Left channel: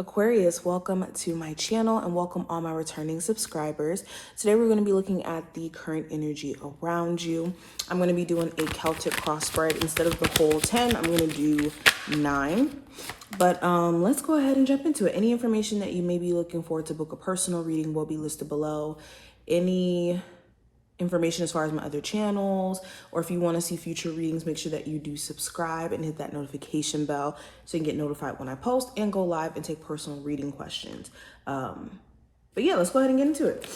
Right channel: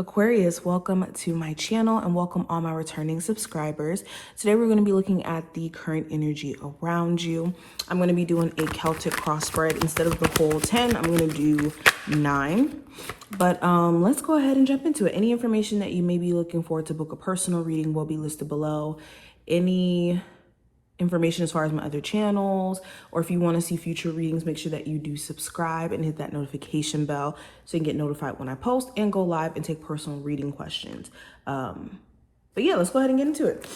Aquarius, welcome to my channel and welcome all my returning subscribers. Today we're going to be looking at the current energy around you. I'm going to be doing a Celtic cross spread. Instead of the whole 10, I'm going to do 9. But let's go ahead and jump into it. Any information that you may be looking for to book a personal reading will be listed below. Any information as far as my other channels, or if you want to see future readings, make sure that you do subscribe and hit that notification bell so you can get notified when I post and go live and take personal reading questions. But yeah, let's go ahead and get into it.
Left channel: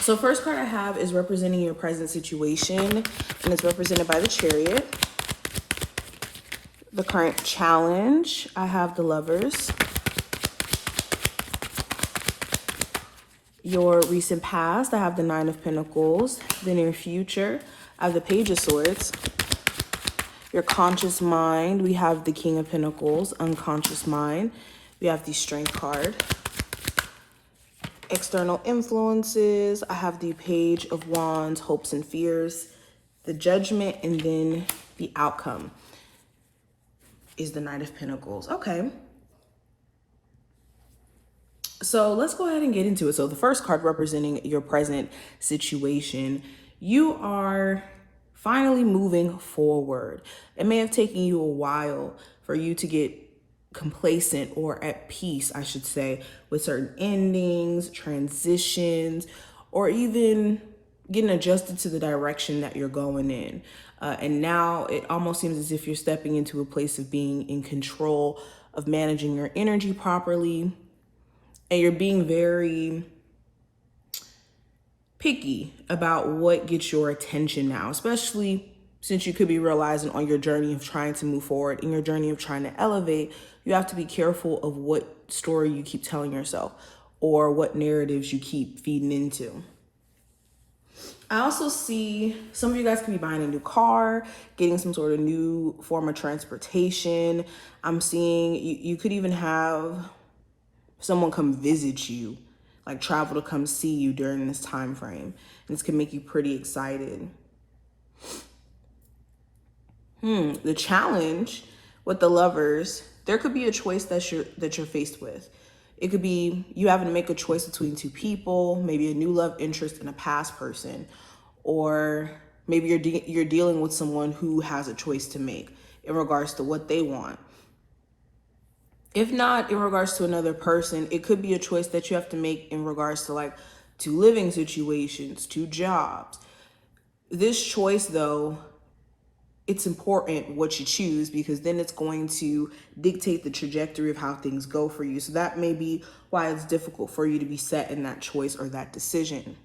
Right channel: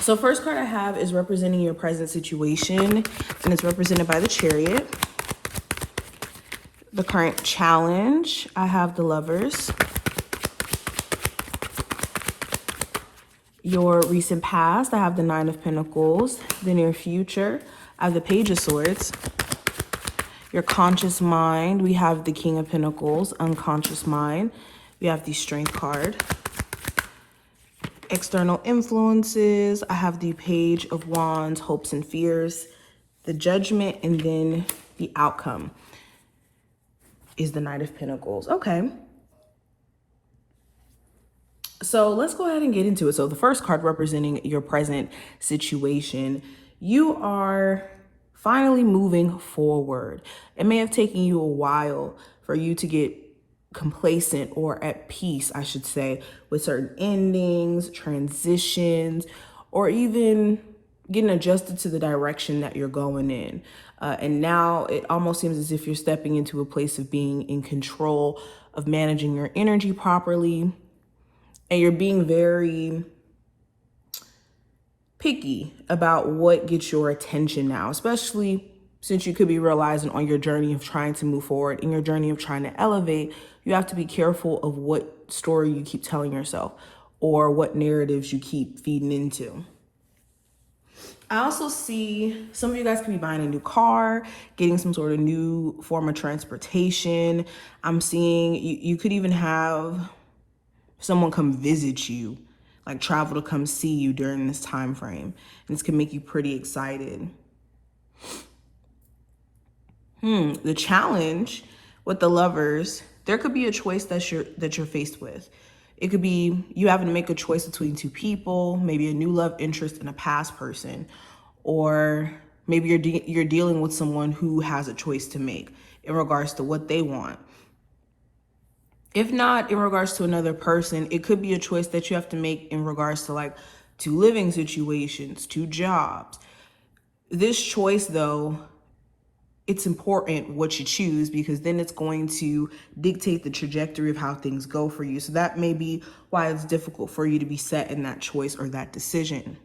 So first card I have is representing your present situation, and it's represented by the Chariot. The current challenge, I have the Lovers. Your recent past, I have the Nine of Pentacles. The near future, I have the Page of Swords. Your conscious mind, we have the King of Pentacles. Unconscious mind, we have the Strength card. External influences, I have the Page of Wands, hopes and fears. The Judgment, and then the outcome is the Knight of Pentacles. Okay. So let's go ahead and get into it. So the first card representing your present situation, you are finally moving forward. It may have taken you a while for you to get complacent or at peace, I should say, with certain endings, transitions, or even getting adjusted to the direction that you're going in. And now it almost seems as if you're stepping into a place of being in control of managing your energy properly. And you're being very picky about what gets your attention now, especially since you could be realizing on your journey of trying to move forward, in your journey of trying to elevate, you have to be careful of what story you keep telling yourself or what narratives you keep feeding into. I also see some of you guys could be buying a new car, getting some sort of new form of transportation. I'm seeing you could even have someone come visit you, like travel to come see you during this time frame. And this can make you pretty excited. The challenge with the Lovers, there could be a choice that you're faced with. It could be you having to make a choice between two people, maybe a new love interest and a past person, or maybe you're dealing with someone who has a choice to make in regards to what they want. If not in regards to another person, it could be a choice that you have to make in regards to to living situations, to jobs. This choice though, it's important what you choose because then it's going to dictate the trajectory of how things go for you. So that may be why it's difficult for you to be set in that choice or that decision.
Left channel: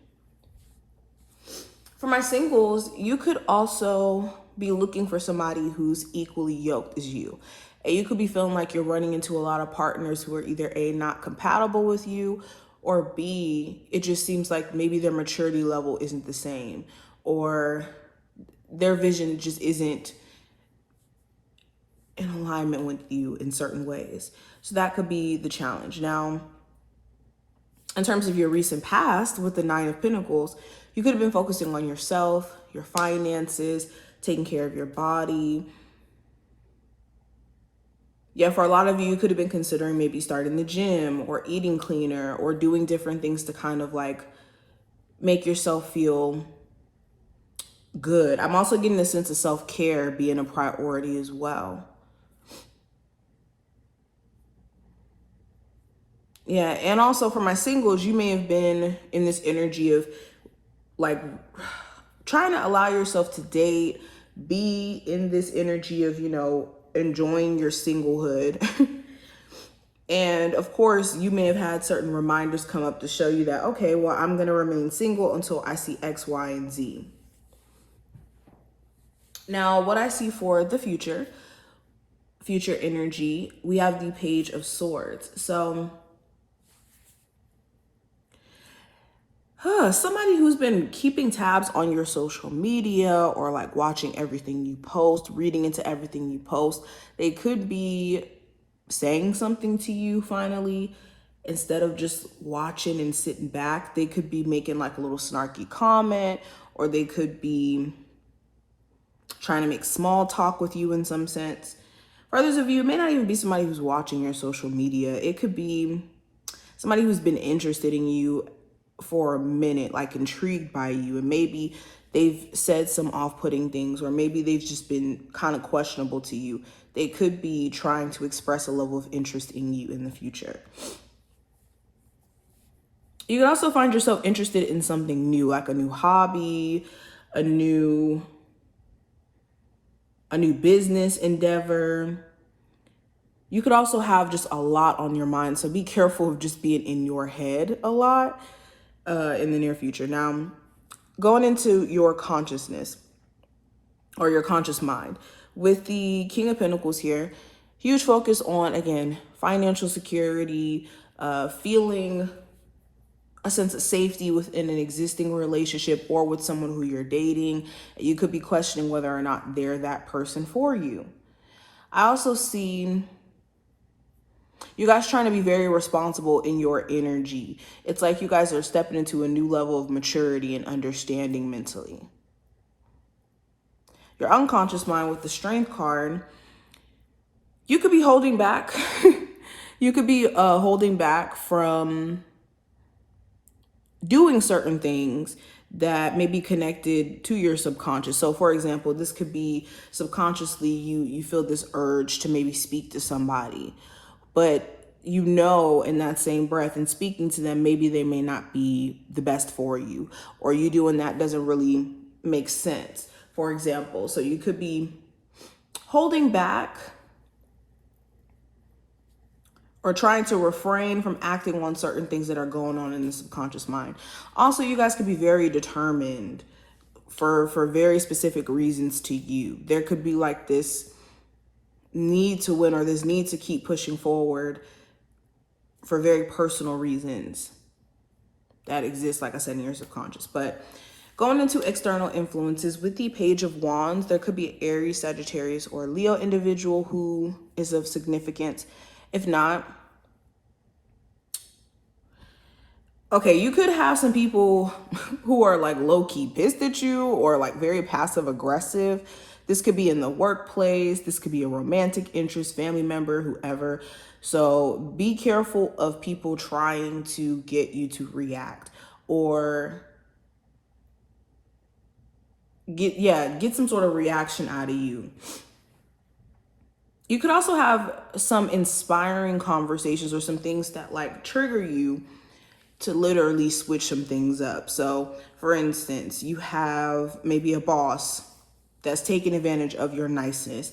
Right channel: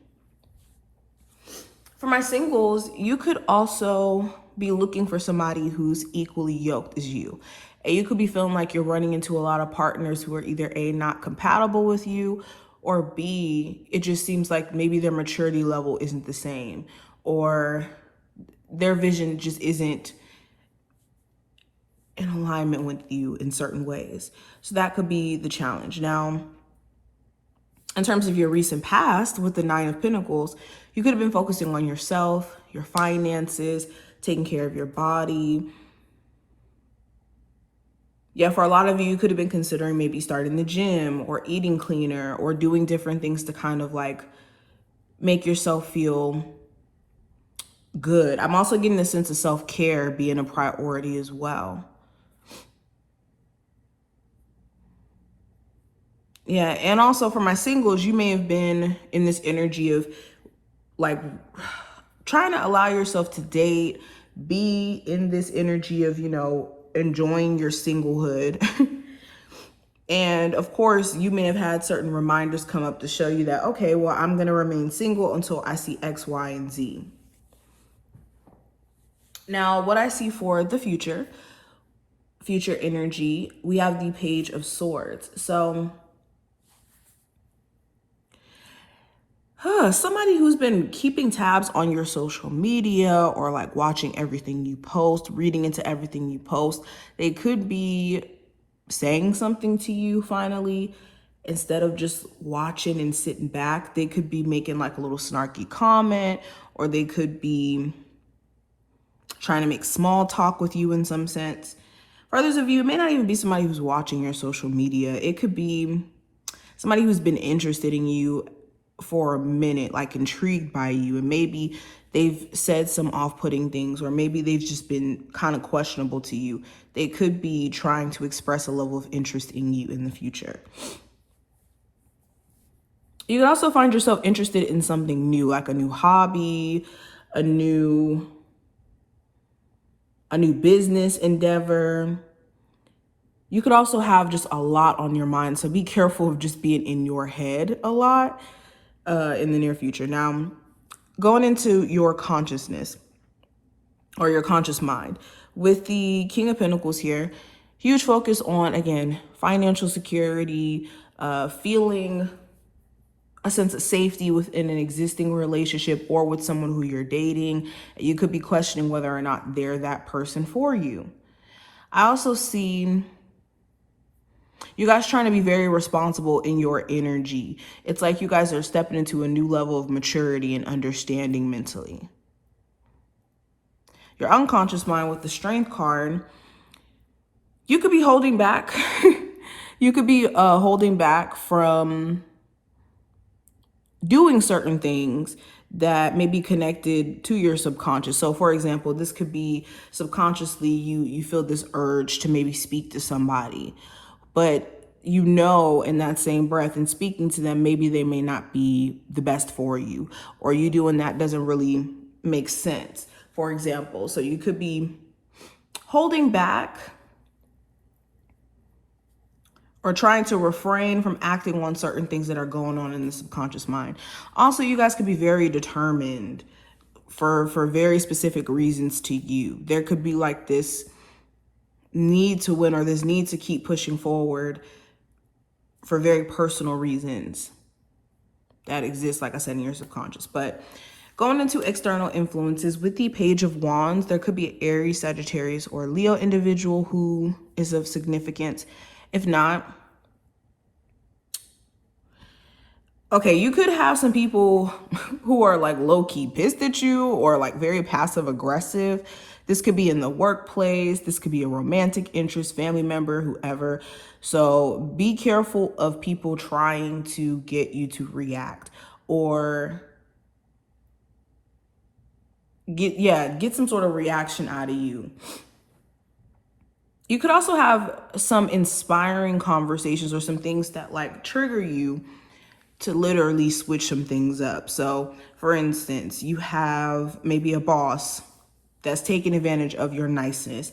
For my singles, you could also be looking for somebody who's equally yoked as you. And you could be feeling like you're running into a lot of partners who are either A, not compatible with you, or B, it just seems like maybe their maturity level isn't the same, or their vision just isn't in alignment with you in certain ways. So that could be the challenge. Now, in terms of your recent past with the Nine of Pentacles, you could have been focusing on yourself, your finances, taking care of your body. Yeah, for a lot of you, you could have been considering maybe starting the gym or eating cleaner or doing different things to kind of make yourself feel good. I'm also getting a sense of self-care being a priority as well. Yeah, and also for my singles, you may have been in this energy of trying to allow yourself to date, be in this energy of, enjoying your singlehood. And of course, you may have had certain reminders come up to show you that, okay, well, I'm going to remain single until I see X, Y, and Z. Now, what I see for the future energy, we have the Page of Swords. So somebody who's been keeping tabs on your social media or watching everything you post, reading into everything you post, they could be saying something to you finally. Instead of just watching and sitting back, they could be making a little snarky comment, or they could be trying to make small talk with you in some sense. For others of you, it may not even be somebody who's watching your social media. It could be somebody who's been interested in you for a minute, like intrigued by you, and maybe they've said some off-putting things, or maybe they've just been kind of questionable to you. They could be trying to express a level of interest in you in the future. You can also find yourself interested in something new, like a new hobby, a new business endeavor. You could also have just a lot on your mind, so be careful of just being in your head a lot in the near future. Now, going into your consciousness or your conscious mind, with the King of Pentacles here, huge focus on, again, financial security, feeling a sense of safety within an existing relationship or with someone who you're dating. You could be questioning whether or not they're that person for you. I also see you guys trying to be very responsible in your energy. It's like you guys are stepping into a new level of maturity and understanding mentally. Your unconscious mind with the Strength card, you could be holding back. You could be holding back from doing certain things that may be connected to your subconscious. So for example, this could be subconsciously you feel this urge to maybe speak to somebody, but you know in that same breath and speaking to them, maybe they may not be the best for you, or you doing that doesn't really make sense, for example. So you could be holding back or trying to refrain from acting on certain things that are going on in the subconscious mind. Also, you guys could be very determined for very specific reasons to you. There could be like this need to win or this need to keep pushing forward for very personal reasons that exist, like I said, in your subconscious. But going into external influences, with the Page of Wands, there could be an Aries, Sagittarius, or Leo individual who is of significance. If not, okay, you could have some people who are like low-key pissed at you or like very passive aggressive. This could be in the workplace. This could be a romantic interest, family member, whoever. So be careful of people trying to get you to react or get some sort of reaction out of you. You could also have some inspiring conversations or some things that like trigger you to literally switch some things up. So for instance, you have maybe a boss that's taking advantage of your niceness.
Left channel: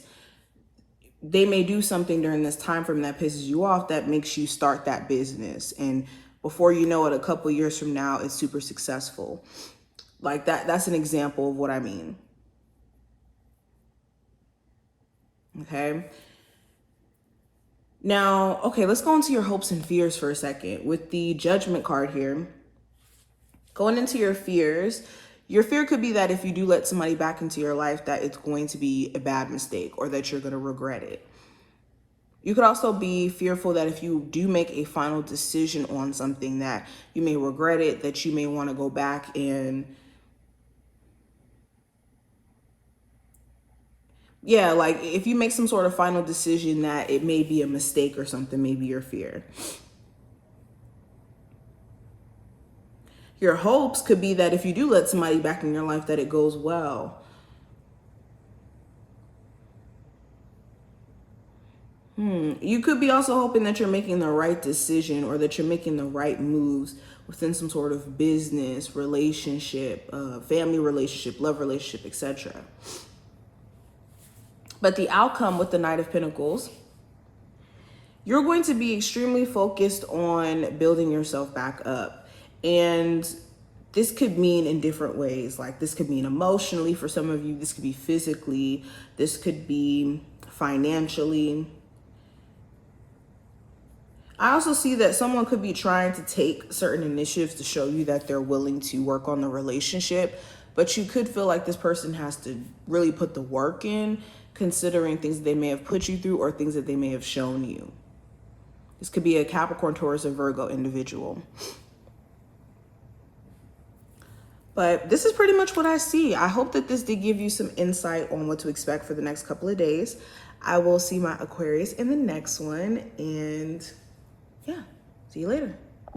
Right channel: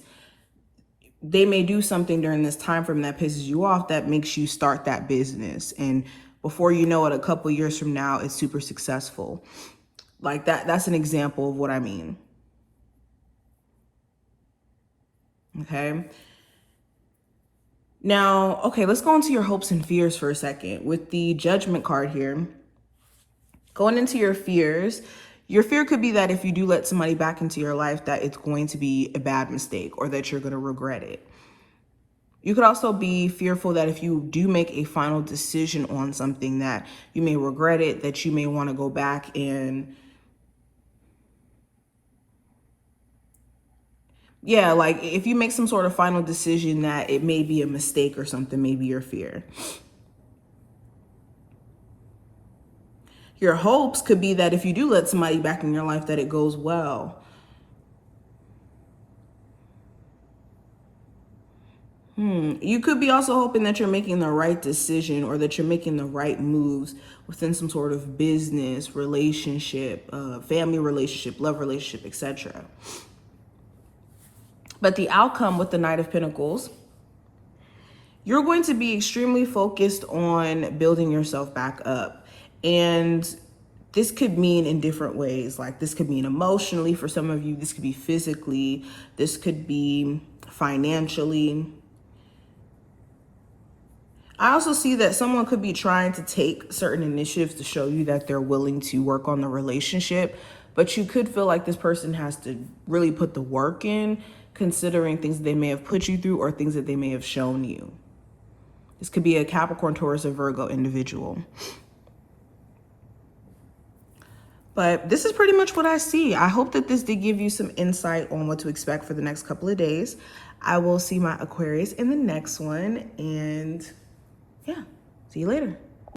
They may do something during this time frame that pisses you off that makes you start that business. And before you know it, a couple years from now, it's super successful. Like that's an example of what I mean. Okay. Now, okay, let's go into your hopes and fears for a second. With the Judgment card here, going into your fears, your fear could be that if you do let somebody back into your life, that it's going to be a bad mistake or that you're going to regret it. You could also be fearful that if you do make a final decision on something that you may regret it, that you may want to go back and like if you make some sort of final decision that it may be a mistake or something, maybe your fear. Your hopes could be that if you do let somebody back in your life, that it goes well. You could be also hoping that you're making the right decision or that you're making the right moves within some sort of business, relationship, family relationship, love relationship, etc. But the outcome with the Knight of Pentacles, you're going to be extremely focused on building yourself back up. And this could mean in different ways. Like this could mean emotionally for some of you. This could be physically. This could be financially. I also see that someone could be trying to take certain initiatives to show you that they're willing to work on the relationship. But you could feel like this person has to really put the work in, considering things that they may have put you through or things that they may have shown you. This could be a Capricorn, Taurus, or Virgo individual. But this is pretty much what I see. I hope that this did give you some insight on what to expect for the next couple of days. I will see my Aquarius in the next one. And yeah, see you later.